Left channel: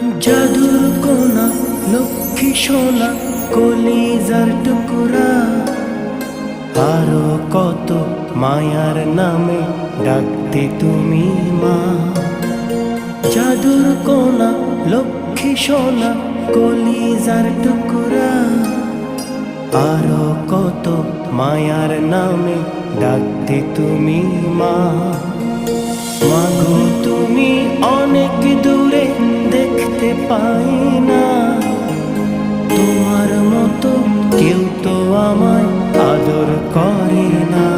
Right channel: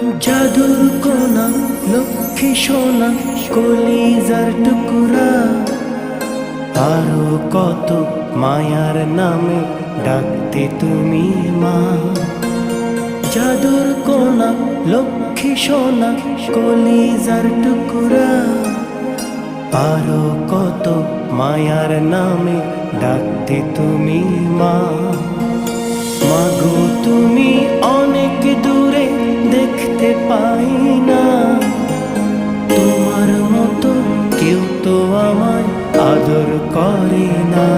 জাদুর কোনা লক্ষ্মী সোনা কলিজার টুকুরা, আরো কত মায়ার নামে ডাকতে তুমি মা। জাদুর কোনা লক্ষ্মী সোনা কলিজার টুকুরা, আরো কত মায়ার নামে ডাকতে তুমি মা। মাগো তুমি অনেক দূরে দেখতে পাই না, তোমার মতো কেউ তো আমায় আদর করে না।